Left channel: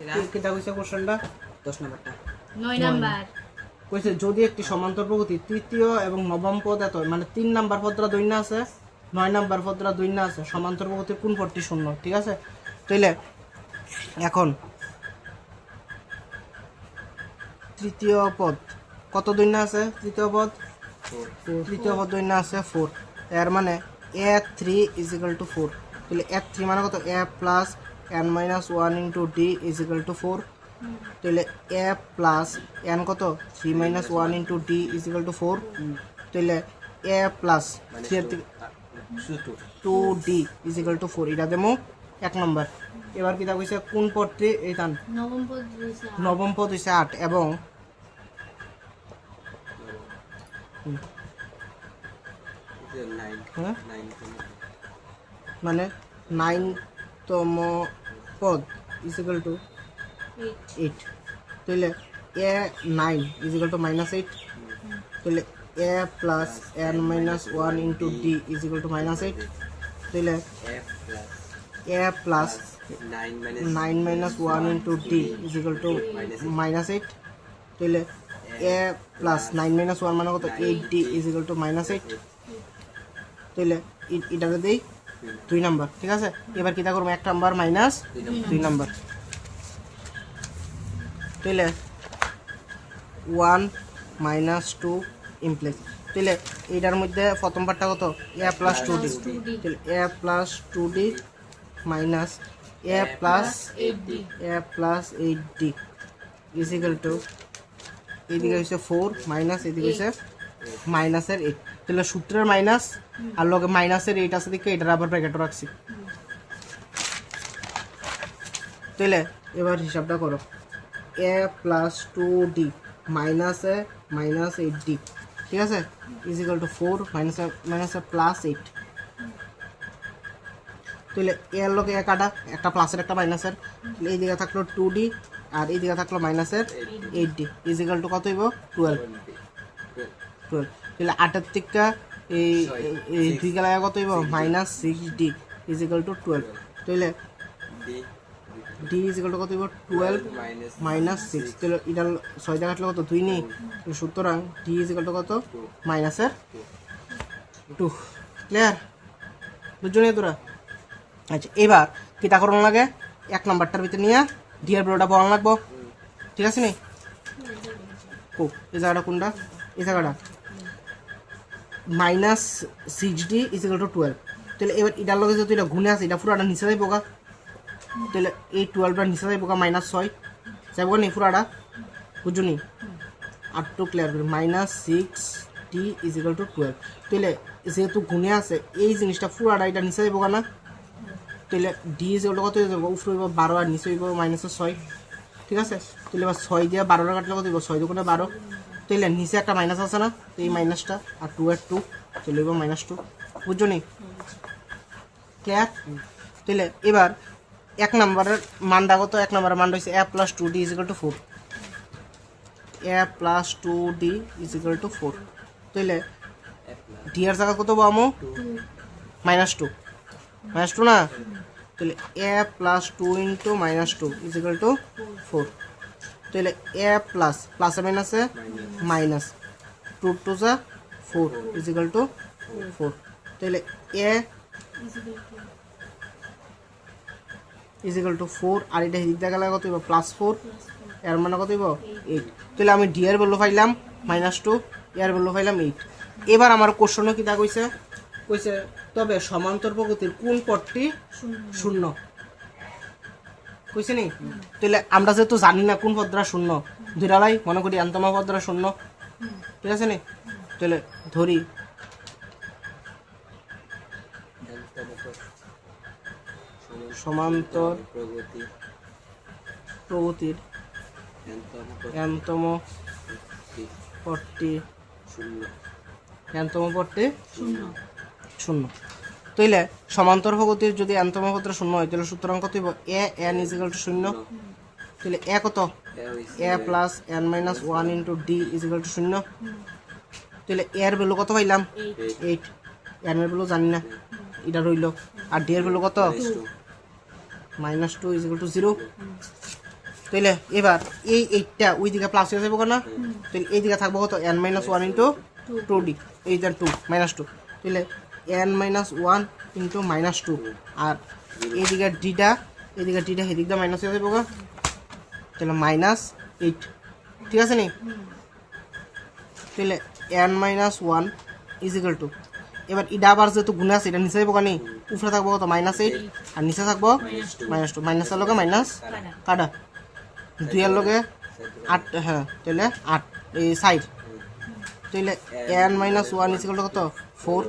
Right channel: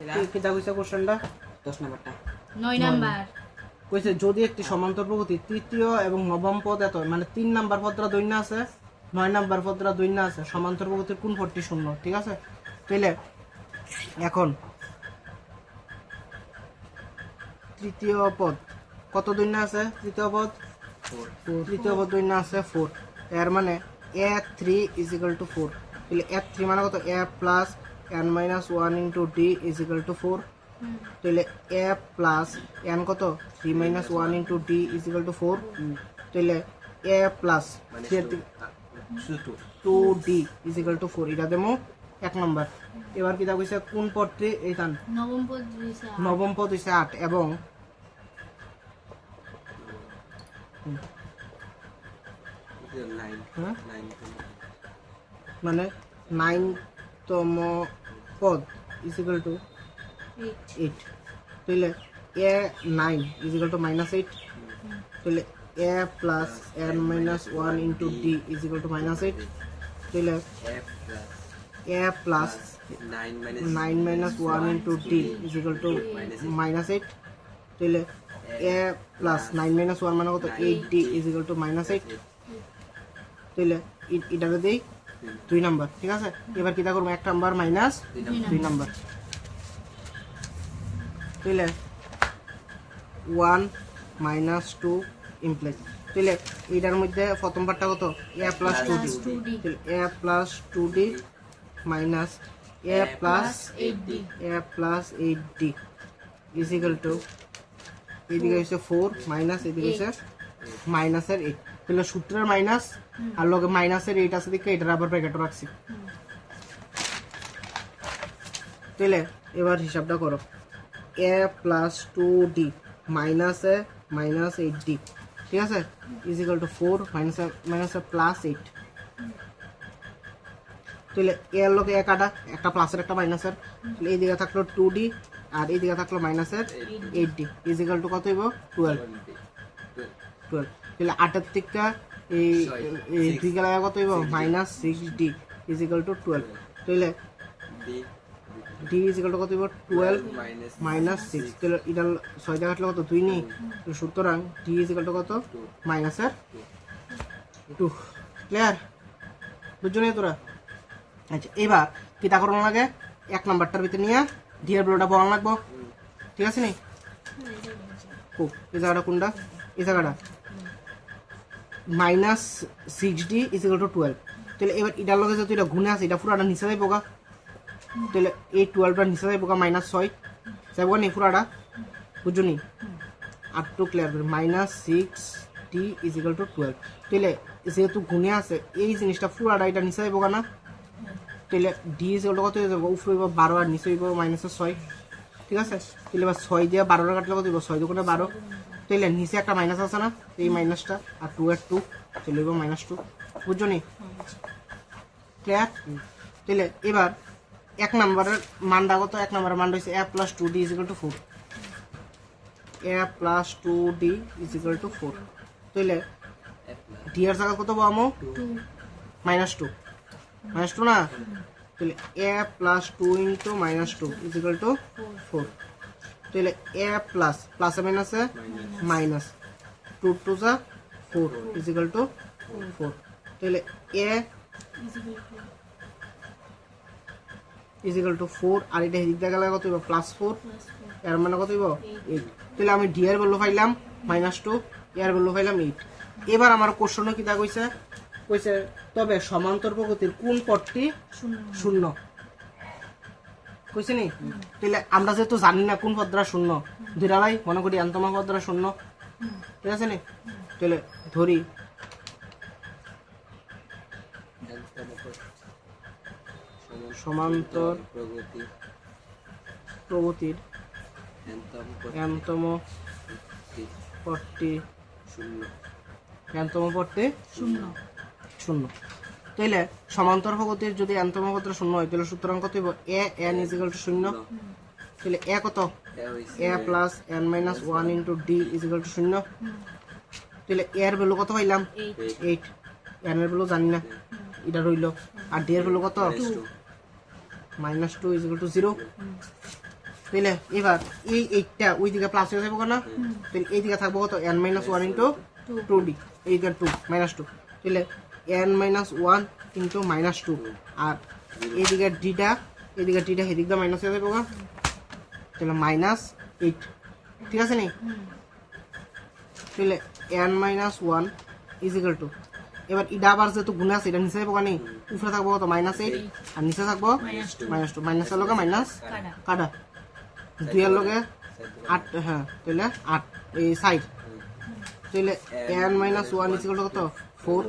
কিতা কইছে কোশ্চেনটা 10 নাম্বারটা 9 নাম্বার কইছে যদি একটি সমান্তর প্রগতি তৃতীয় এবং নবম পদ এত মানে 3 নাম্বার পদরা দৈন্য আছে 9 নাম্বার পদরা দৈন্য আছে সমান্তর প্রগতির কোন পদটি শূন্য ঠিক আছে তাইলে এখন তৃতীয় পদ কত দৈন্য আছে তৃতীয় পদ 4 তৃতীয় পদ দৈন্য আছে 4 এর মানে a3 = 4 তাহলে a3 মানে কত a plus n minus 1 into d = 4 তাহলে a plus n কত 3 minus 1 into d = 4 তাহলে a plus 2d = 4 এটা দেমো এক নাম্বার এবার কিটা কইছে কোন পদটি এইখান নবম পদ হইছে 8 এবং মানে 9তম পদ = 8 তাহলে a9 = -8 তাহলে a plus n minus 1 into d = -8 তাহলে a plus 9 minus 1 into d = -8 তাহলে a plus 9 minus 1 মানে কত 8d = -8 তাহলে এটাকে দেই 2 নাম্বার ঠিক আছে এবার কিটা করব 1 নাম্বার মাইনাস 2 নাম্বার তাহলে 1 minus 2 ইমপ্লাইজ তাহলে এটার মধ্যে প্রথম পার্টটা কত a plus 2d তাহলে a plus 2d minus a plus 8d = এদিকে হচ্ছে 4 মাইনাস এদিকে হচ্ছে মাইনাসের 8 তাহলে সূত্রের মাইনাস আর লগে মাইনাসের 8 আছে দিকে এটার আবার ব্র্যাকেটে রাখছি তাহলে এবার হিসাবটা করো a plus 2d minus a minus 8d ঠিক আছে = 4 minus a plus 8 তাহলে এর লগে এক কাটা একটা প্লাসের একটা মাইনাসের তাহলে এই দিকে থাকলো 2d আর এই দিকে থাকলো মাইনাসের 8d = কত হইব 12 তাহলে 8 এর থেকে এই দুই গেলা কত হইব -6d = 12 তাহলে d = কত হইব 12 - 6 তাহলে এটা 6 দিয়ে কাটলে কত 2 নেই সুতরাং d = কত -2 ক্লিয়ার বুঝছনি তোরা আচ্ছা এবার কিটা করণ লাগে এক নাম্বারটার ভিতর নিয়ে d এর বড়টা বড় লাগবো ঠিক আছে নি খুব এই জায়গাটা কোনটা এই জায়গাটা -6d = 12 তাহলে এবার এটার লগে যদি এটা গুণে আছে এটা পুরাটা নিচে যাইব গা তাহলে এই 12টা নিচে যাইব গা -6 যাইব নি পুরাটা বুঝুনি আর তো ক্লিয়ার করে -6d = 12 তাহলে যেহেতু গুণে আছে এই জিনিসটা পুরাটা এটা নিচে যাইব গা না তাহলে d = কত হয়ে যাবে উপরে 12 আর নিচে হইব -6 ঠিক আছে তাহলে এবার 6 দিয়ে 12 কাটলে কত হইব 6 দুগুণে 12 তাহলে নিচে একটা মাইনাস আছে না এই মাইনাসটা আর 2 এর 2 তাহলে হইব -2 বুঝছো নি ক্লিয়ার তাহলে এবার এক নম্বরের মানটা কত এক নম্বরের মান হইছে a plus 2d = 4 a plus 2d = 4 তাহলে d এর জায়গা কত পাবো -2 -2 না তাহলে a plus 2 into -2 = 4 তাহলে a plus প্লাসে মাইনাসে মাইনাস 2 2 যা 4 = 4 তাহলে a = 4 আর এটা হিদিক দেখা গেলে কত হইব +4 এর মানে কত হইব 8 তাহলে আমি d এর ভ্যালু পাইলাম -2 এর ভ্যালু পাইলাম 8 এবার আমার কোশ্চেনে কি দা কইছে কইছে তবে সমান্তর প্রগতির কোন পদটি শূন্য কইছে নি তাহলে আমরা যেহেতু জানি না কোন পদটা শূন্য ধরালাই মনে করি অন্তম পদটা শূন্য ঠিক আছে নি তাহলে ধরি সমান্তর প্রগতির এনতম পদটি শূন্য তাইলে সমান্তর প্রগতির যদি এনতম পদটা শূন্য হয় তাহলে সুতরাং কত হইব a n = 0 তাহলে a কত a plus n minus 1 into d = 0 তাহলে a এর ভ্যালু কত পাইলাম 8 n এর ভ্যালু জানি না এটা রইল আর d এর ভ্যালু কত -2 = 0 তাহলে এবার এই এইটটা ওই দিকে প্লাস হয়ে যাবো না, তাহলে এই দিকে থাকবো কত n minus one into two D, এই দেন টু মাইনাস টু, তাহলে n minus one into minus two, আর এইদিকে ডিটা এদিক দিয়ে মাইনাস হয়ে যাবো, তাহলে মাইনাস এইট, ঠিক আছে নি? তাহলে n minus one is equal to, এবার ইডা আবার যেহেতু গুণে আছে এটা নিচে যাবো কানি, উপরে থাকবো কত মাইনাস এইট, আর নিচে থাকবো মাইনাস টু, মাইনাসের লগে মাইনাস কাটা, দুইয়ের লগে আট, হ্যাঁ তাহলে আট এই সাইড, তাহলে n minus one is equal to কত ফোর,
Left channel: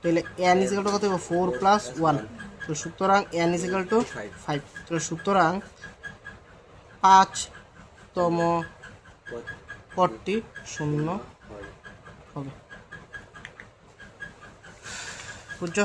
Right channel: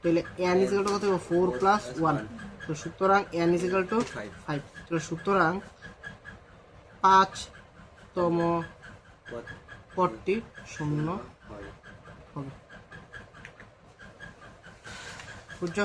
তাহলে n ইজ ইকুয়াল টু কত হবে ফোর প্লাস ওয়ান, তো সুতরাং n is equal to five, তাহলে সুতরাং 5তম পদটি শূন্য হবে, বুঝছো?